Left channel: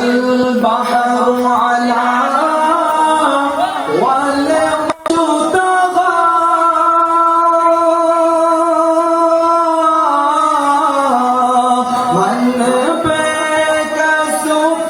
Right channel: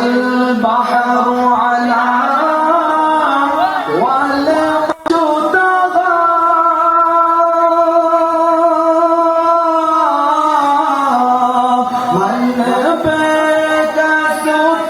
البحر على والعرش طغى من بيت سفر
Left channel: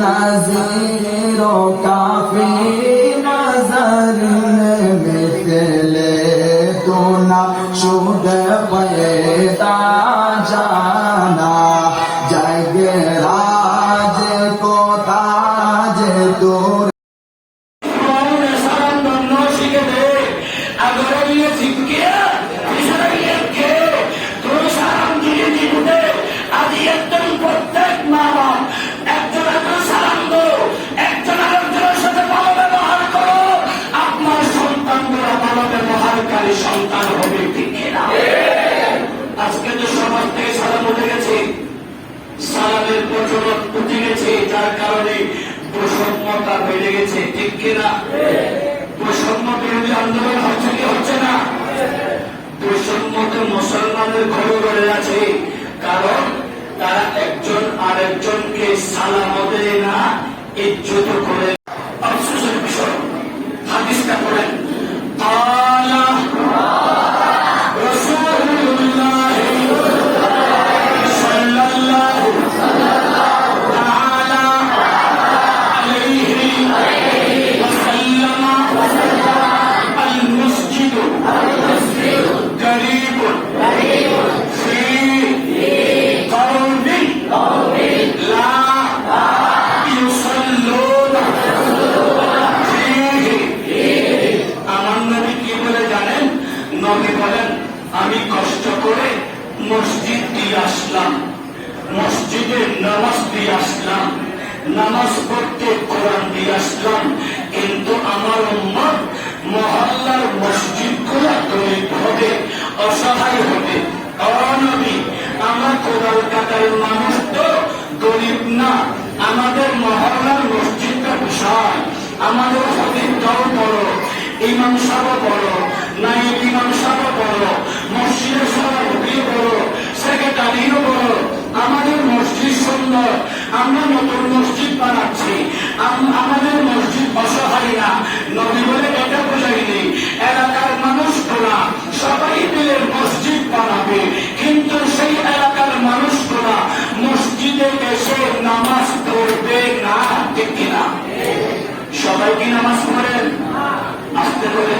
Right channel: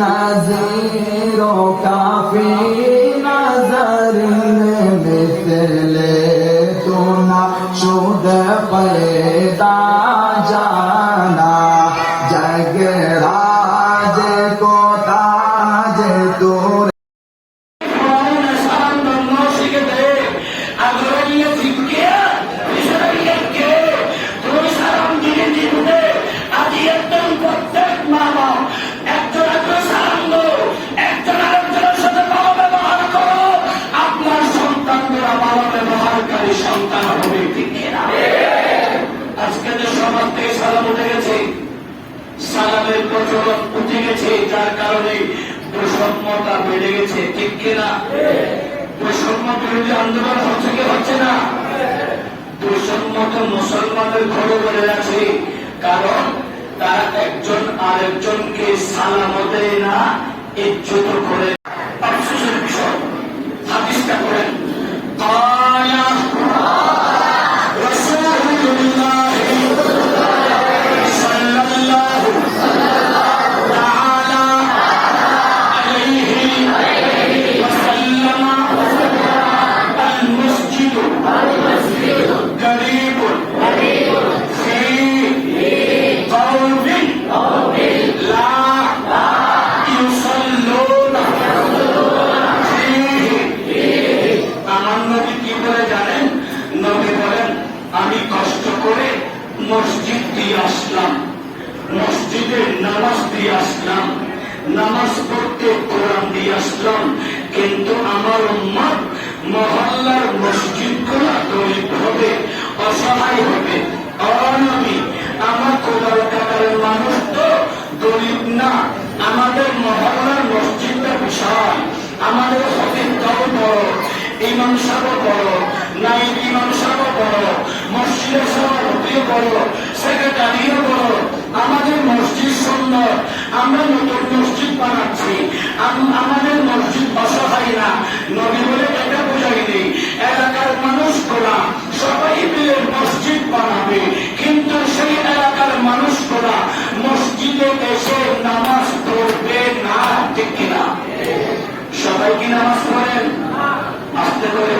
نظیروں کافی نظر مثلے تو شد پیدا جانا جگ راج کو تاج تو সমাজ থেকে সালাম উঠে গেছে। সালামের প্রচলন উঠে গেছে, যার কারণে বৈষম্যতা বেড়ে গেছে। ঠিক কিনা বৈষম্য বিরোধী আন্দোলন হচ্ছে কি হচ্ছে না? বৈষম্য তো মুসলমানের ঘরে ঘরে আছে। কারণ তারা একজন আরেকজনকে সালাম দেয় না, ইজ্জত করে قريب في قوم لا يصلون فيه আমার নবী কি বলে জানেন নবী বলেন আমি কষ্ট করে মসজিদ দিয়ে আসলাম মসজিদে নামাজ দিয়ে আসলাম নামাজ পড়তে কোরআন দিয়ে আসলাম কিন্তু আমার উম্মত মহল্লার মসজিদগুলা গরিব হবে, অসহায় হবে অনবী আমার কোদাল কাটারের মানুষ তো গরিব না। আমাদের মহল্লার মসজিদটা বিশাল। আমাদের হতির দল বড়। ইমাম সাহেব বড়। নাই, ইমাম সাহেব বড়। মসজিদের সভাপতি বড়। সেক্রেটারিও বড়। আমাদের মসজিদ সুন্দর। আমরা নতুন মসজিদ বানাচ্ছি। আম- আমাদের মসজিদ অসহায় কি নামাজ পড়েন? আসতে করে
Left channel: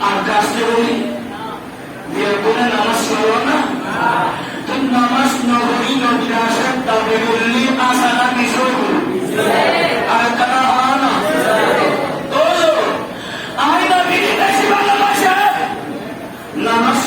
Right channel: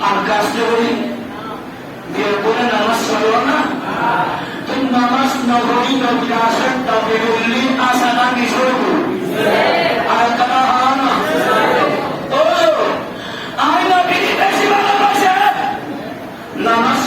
আর আসতে বলি? বিয়ে করে নামাজ পড়ো না? তুই নামাজ ভালোবাসে। নামাজ